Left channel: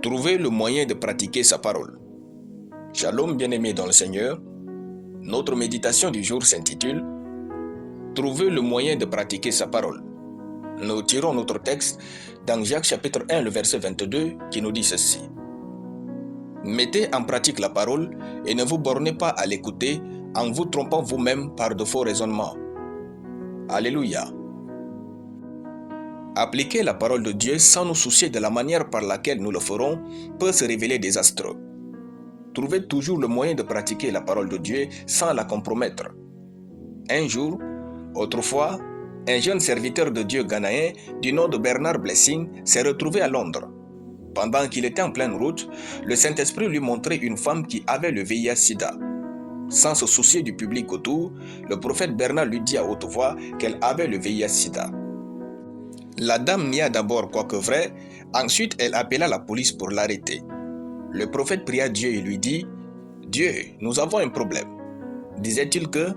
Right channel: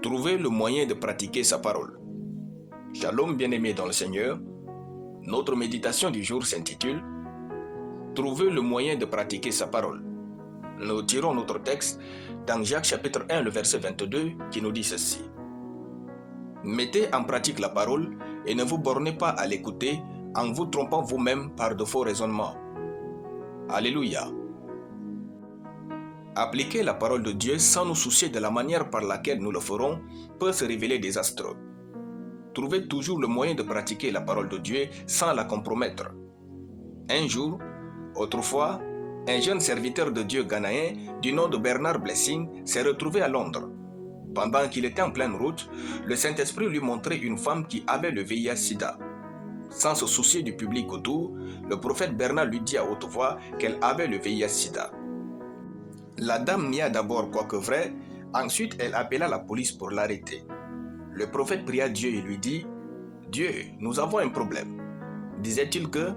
Trouvez le moyen de pratiquer sa parole. Shalom bien-aimés dans le Seigneur. Notre méditation du jour s'intitule « Trouver le moyen de pratiquer sa parole ». Nous tirons notre texte dans Jacques chapitre 1, le verset 22 qui nous dit ceci. « Mettez en pratique la parole et ne vous bornez pas à l'écouter en vous trompant vous-même par de faux raisonnements. » Alléluia. Appliquer la parole de Dieu sans nous soucier de la manière par laquelle nous le ferons peut se révéler désastreux. Trouvez toujours le moyen de pratiquer la parole de Dieu sans la compromettre. Un jour, autrefois, un jeune serviteur de Dieu ghanéen du nom de Bernard Blessing s'est retrouvé à Londres. Pendant qu'il était en pleine route, le Saint-Esprit lui montrait une femme qui avait le VIH-Sida. Sans se soucier du public autour, le prophète Bernard lui dit à haute voix qu'elle avait le VIH-Sida. La dame nia d'abord quoique vrai, ensuite elle appela la police pour l'arrêter. Le prophète pria Dieu et lui dit « Dieu, nous avons un problème ». Disait-il que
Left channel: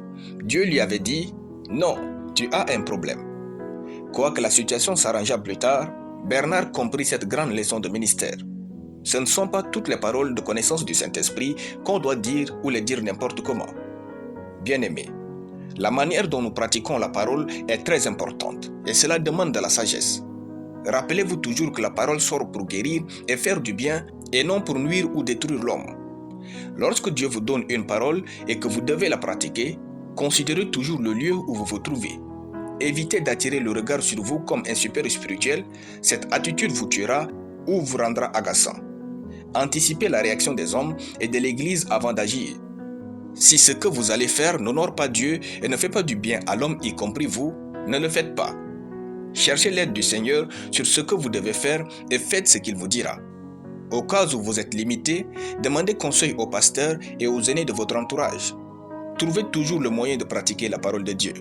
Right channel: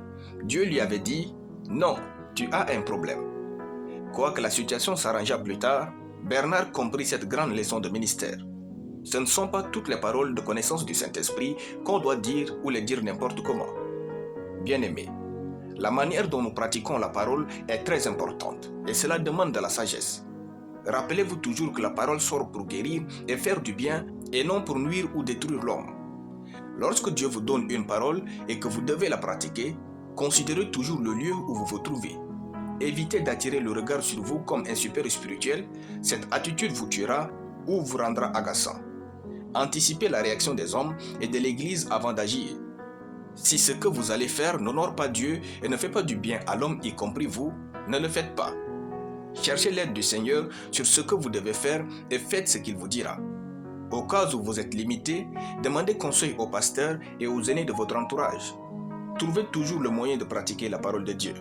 Dieu lui avait dit « Non, tu as un problème ». Quoique la situation s'arrangea plus tard, Bernard comprit cette grande leçon de ministère. Ce ne sont pas toutes les paroles de connaissance du Saint-Esprit qu'on doit dire ou les dire n'importe comment. Bien-aimés, la manière dont nous pratiquons la parole est très importante et cela demande de la sagesse. Rappelez-vous toujours que la parole sort pour guérir et faire du bien et non pour nuire ou détruire l'homme. Lorsque Dieu vous donne une parole et que vous devez la pratiquer, considérez toujours le lieu où vous vous trouvez. Évitez d'attirer le regard sur vous comme un super spirituel, cette attitude vous tuera ou vous rendra agaçant. Anticipez la réaction des hommes et de l'Église avant d'agir. Si ce que vous allez faire n'honore pas Dieu et ne fait pas du bien à l'homme y compris vous, ne le faites pas. Cherchez l'aide du Seigneur sur ce que vous devez faire et faites ce qu'il vous dira. Au cas où vous êtes limité, demandez conseil au pasteur et aux aînés de votre entourage. Trouvez toujours le moyen de pratiquer la parole de Dieu.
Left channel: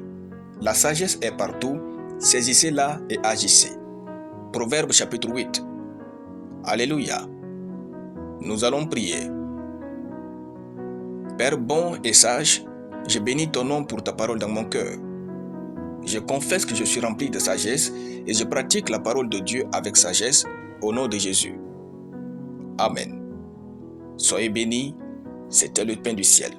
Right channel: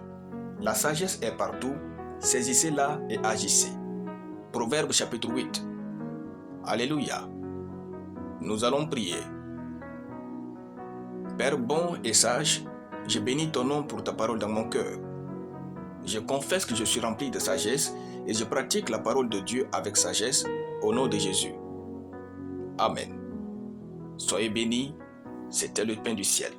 La sagesse est partout, saisissez-la et agissez. Proverbe chapitre 8. Alléluia. Nous allons prier. Père bon et sage, je bénis ton nom pour ta parole dans mon cœur. Je confesse que je suis rempli de sagesse et je pratique la parole de Dieu avec sagesse au nom de Jésus. Amen. Soyez bénis, c'était le pain du ciel.